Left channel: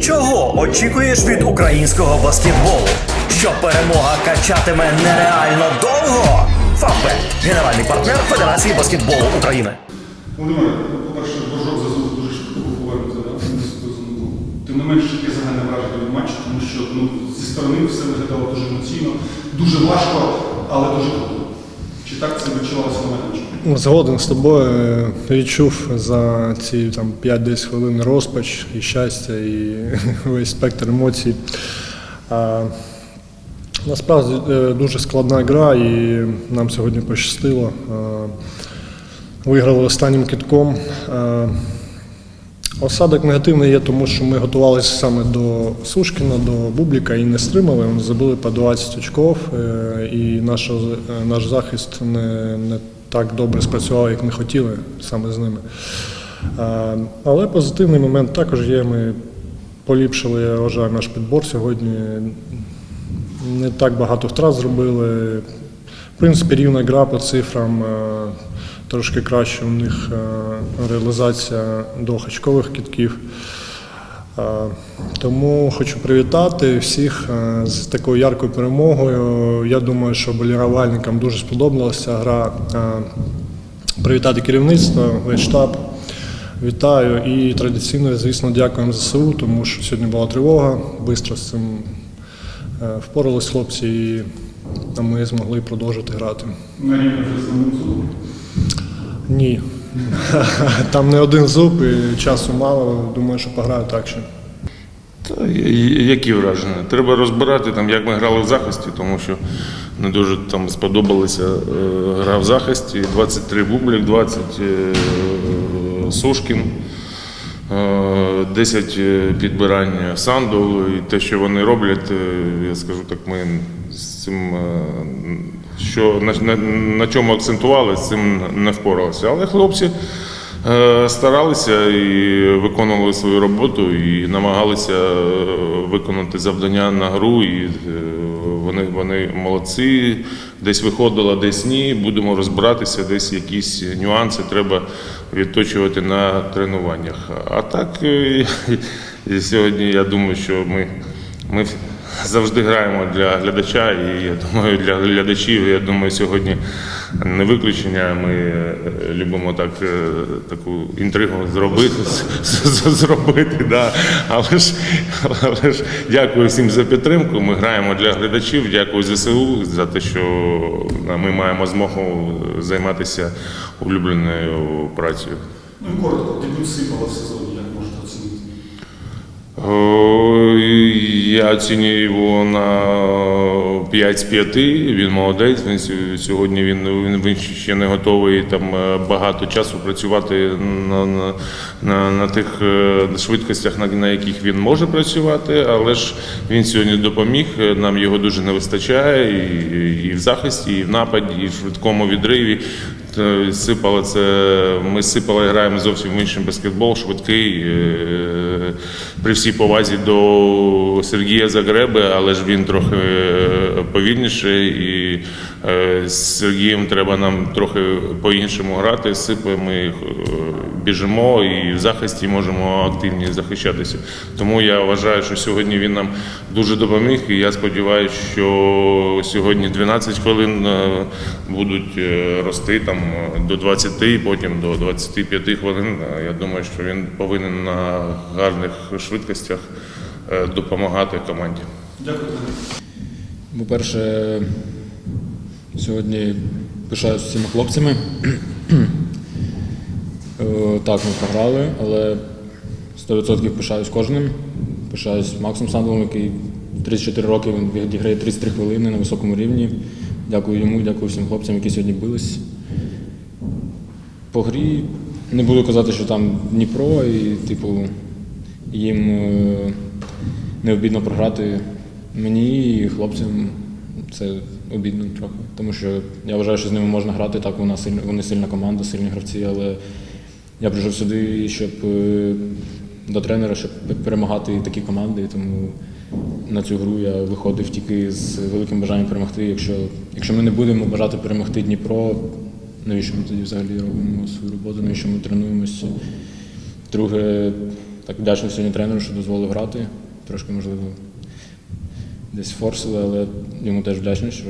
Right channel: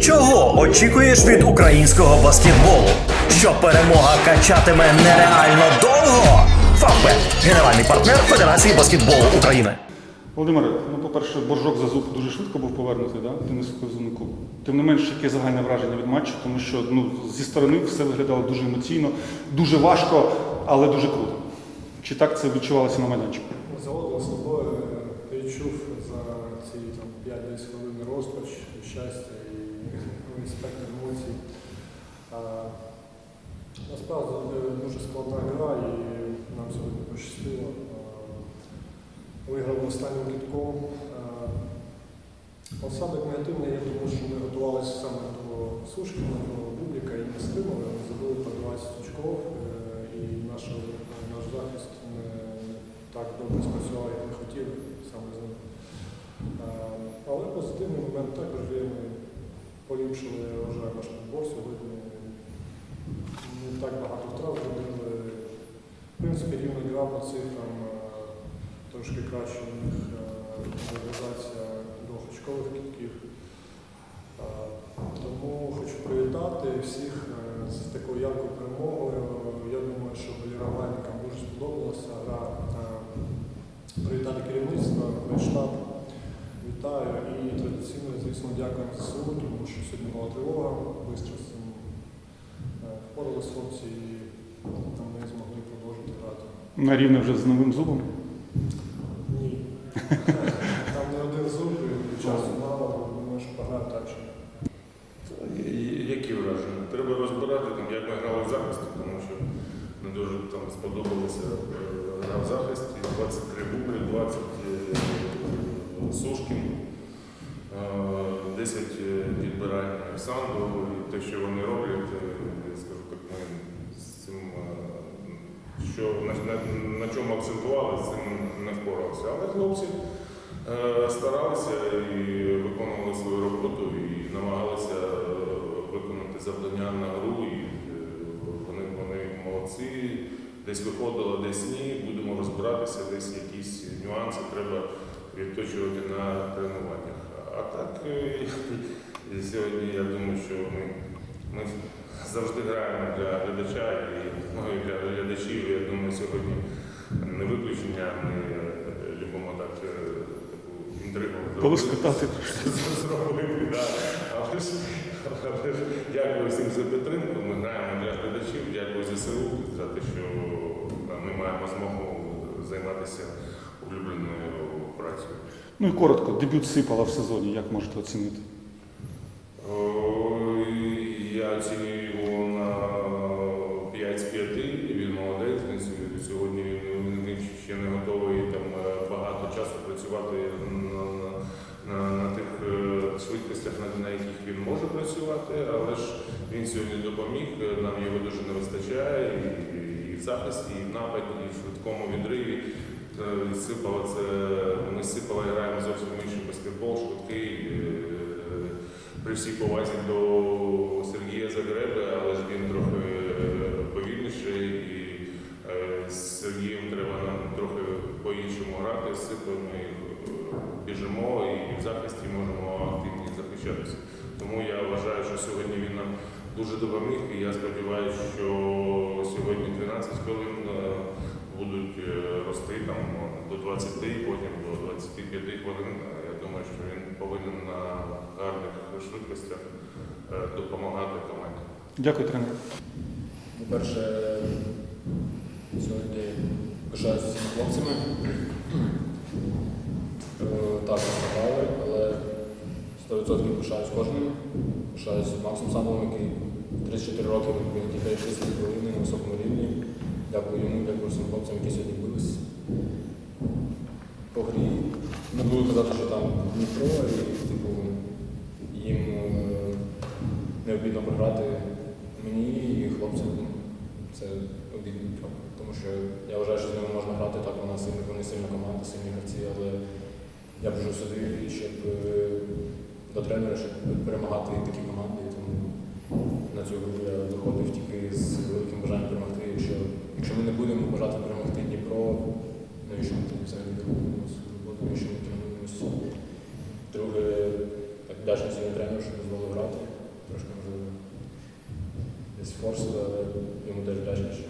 Чого очікуєш від українського баскетболу? Що перемога качатиме нереально довго? Фавбет – генеральний партнер Федерації баскетболу України. Володимире, ну, по-перше, боржок за зуб дуже швидко був повернути да, на. Тим не менш, яке загальне враження від матчу, тому що ну, зі сторони все виглядало дуже емоційно, дуже важко, але дуже круто. Чи так це відчувалося на майданчику? Згоден з тобою е, відчув за ці там 5-10 хвилин розпач і щастя, і весь спектр емоцій. А, насправді е, дуже складна гра, і нам сьогодні пощастило. Виграли останнім китком. Осадок негативний є, тому що ми готувалися саме до Сушкіна, до Бубліка і не стримали. Вони забили по 20 очков, е, і наш, наш захист не, не так добре спрацював, як ми хотіли саме з ними. Е, Але позитивний момент також є. Ми поліпшили, я вважаю, наш підбор сьогодні. Не так багато втрат зробили. В принципі, рівна гра по цифрам. е, Трошки краще у них е, реалізація двохочкових кітків. Е, Тому хочу привітати всіх е, з такою яркою перемогою. Я думаю, що болівальникам дуже сподобалася гра. Е, Привітати керівництво, весь штаб. Вітаю і традиційно, звісно, дякуємо ЗСУ, тому що сьогодні була тривога. Бистро з цим впорались хлопці, і ми змогли продовжити грати. На рівні вже з новим зубом. Ні. Там не один зуб і часу мало. Думаю, що пограю так ще. Та які враження? Треба розбирати там, як ми грали в захисті, тому що не дуже там сподобалася е, гра в захисті. 23 бублік, 20 е, Сушкін, е, 10 підбирань Санду. І те, що вони роблять, е, я скажу так, ми з цим. Що на, на, на чому акцентували, з цим не впоралися. Але хлопці Е, Старалися і виконували свою роботу, і намагалися е, виконати завдання на гру. І е, вони, вони молодці. Десь виходило, десь ні. Будемо розбиратися, десь якісь нюанси треба відточувати на тренуваннях. А так е, і сьогодні я думаю, що ми, ми завжди граємо для глядача, і я думаю, для глядачів, я думаю, сьогодні не виключення. Ми е, любимо так е, таку інтригу зробити, зробити. Да. Але ж, але ж дякую всім за підтримку. Ми граємо для глядачів. Дякую ЗСУ за те, що ми маємо змогу займатися улюбленою працею. Ну і коротко, дебют сипала в сезоні, як можете оцінити? Я його на 5 з 5. Він молодець. Він сьогодні він, він, ще не готовий там е, багато часу працювати на, на, на, на тих е, швидкостях, на, на яких він може працювати. Але ж він сьогодні допоміг. Нам його дуже не вистачає і, і в захисті, і в нападі, і в швидкому відриві. Е, Сипало це. Ми з сипало граємо зовсім в інший баскетбол, швидкий. При всій повазі до Сергія Загреби, але ж він трохи е, повільніше, і е, з Сергієм треба нам трохи по-іншому грати. З Сипою ми е, біжимо і в захисті можемо активні захищатися. Тому я вважаю, що сьогодні він нам дуже допоміг. І я сподіваюся, що сьогодні 12 хвилин е, будуть рости там до 20, і потім до 25 хвилин. Я думаю, що він повинен на гарних швидкостях допомагати команді. Дякую. По-перше, сьогодні пишаюся всіма хлопцями. Е, Так, ми програли, але 100% пишаюсь кожним. Пишаюсь Максом Сандовим, який 34 роки він відіграє 33 хвилини на високому рівні. Дякую йому, дякую всім хлопцям, які сьогодні бились. По грі не буду казати, що там Дніпро, і типу їм е, не обідно програти мені і хлопцям. Це обідно трохи. Тому що я вважаю, що з ними можна грати. Так, вона сильна, вони сильна команда, сильні гравці, але я прийшов сюди, щоб е, до тренера, щоб перемагати такі команди. Тому на цю гру я виходив тільки з великим бажанням перемогти. Якщо, якщо ми не будемо бажати перемогти Дніпро, навіщо ми тоді взагалі робимо свою роботу, навіщо ми тренуємося? Друге, так вдячний сьогодні тренеру, що дозволив грати. Трошки, можливо, десь форсили, але йому теж вдячний, що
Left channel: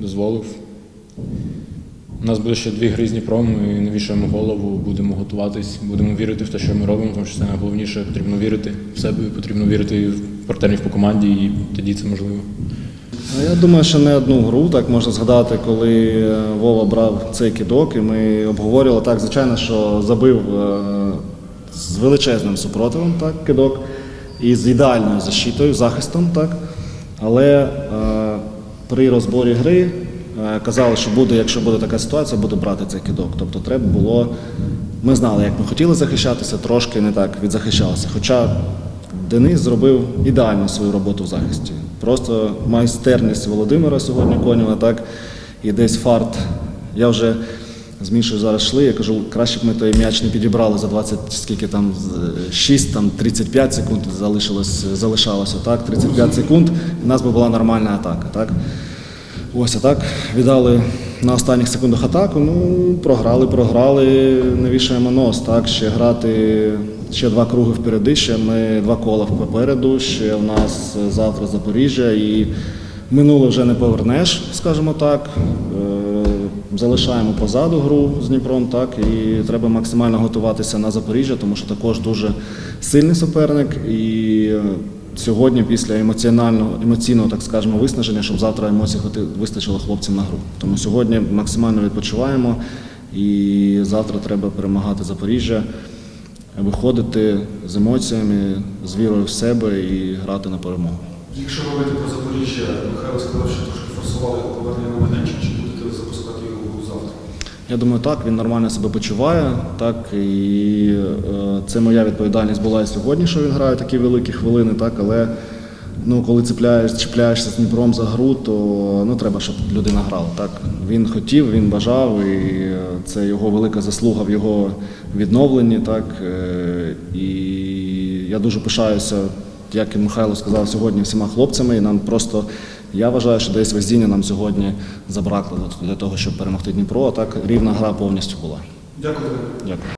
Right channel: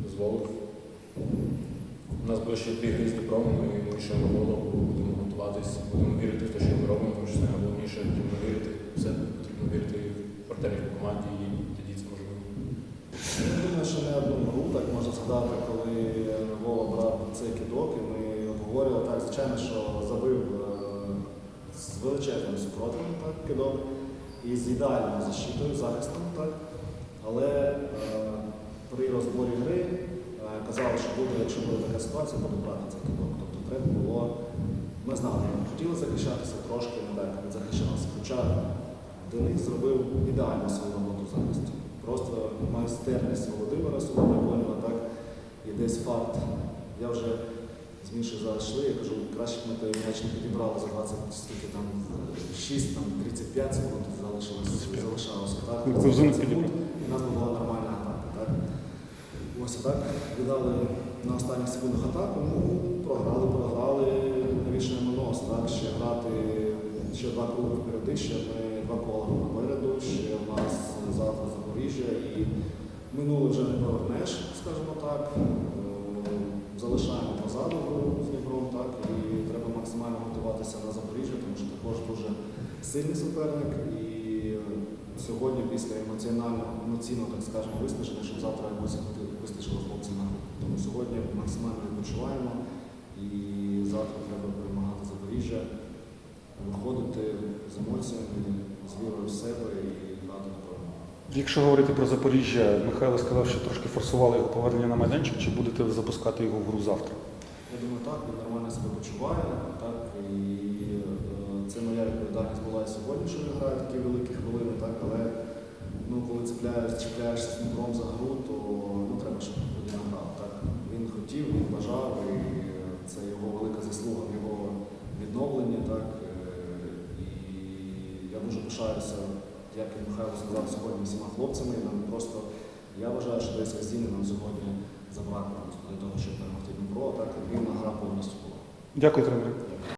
дозволив. У нас буде ще дві гри з Дніпром, і не вішаємо голову, будемо готуватись, будемо вірити в те, що ми робимо, тому що це найголовніше. Потрібно вірити в себе, потрібно вірити в партнерів по команді, і тоді це можливо. Я думаю, що не одну гру, так можна згадати, коли е, Вова брав цей кидок, і ми обговорювали так, звичайно, що забив е, з величезним супротивом так, кидок і з ідеальною защитою, захистом, так. Але е, при розборі гри е, казали, що буде, якщо буде така ситуація, буде брати цей кидок. Тобто треба було. Ми знали, як ми хотіли захищатися, трошки не так відзахищалися. Хоча Денис зробив ідеальну свою роботу в захисті. Просто майстерність Володимира сьогодні Конєва, так, і десь фарт. Я вже з Мішою зараз йшли, я кажу, краще б ми той м'яч не підібрали за 20, скільки там, 6, там 35 секунд залишилось, залишалося, так, 35 секунд, і в нас би була нормальна атака, так. Ось а так віддали на останніх секундах атаку. Ну, програли, програли, не вішаємо нос. Так, ще грати ще два круги впереди, ще ми два кола попереду. Ще у нас завтра Запоріжжя і минуле вже не повернеш, скажімо так. Залишаємо позаду гру з Дніпром, так і треба максимально готуватися на Запоріжжя, тому що також дуже сильний суперник. І е, сьогодні, після емоціонального емоційного, так скажемо, виснаження, щоб завтра емоцій вистачило хлопцям на гру. Тому сьогодні максимально відпочиваємо, і завтра треба перемагати Запоріжжя, виходити з емоціями, з вірою в себе і грати на перемогу. Якщо говорити про Запоріжжя, Михайло сказав, що трошки форсували повернення на майданчик, чи будете запускати його завтра? Я думаю, так, він нормально себе почуває. Так, і е, це моя відповідальність була і сьогодні, що він грає такі великі хвилини, так, але ну, коли цепляєш, чіпляєшся з Дніпром за гру, то ну, треба, щоб людина грала. Так. Він хотів, він бажав, і е, це його велика заслуга в його відновленні. Так, е, і я дуже пишаюся, як і Михайло сказав сьогодні, всіма хлопцями. І нам просто я вважаю, що десь везіння нам сьогодні забракло для того, щоб перемогти Дніпро. А так рівна гра повністю була. Дякую. Дякую.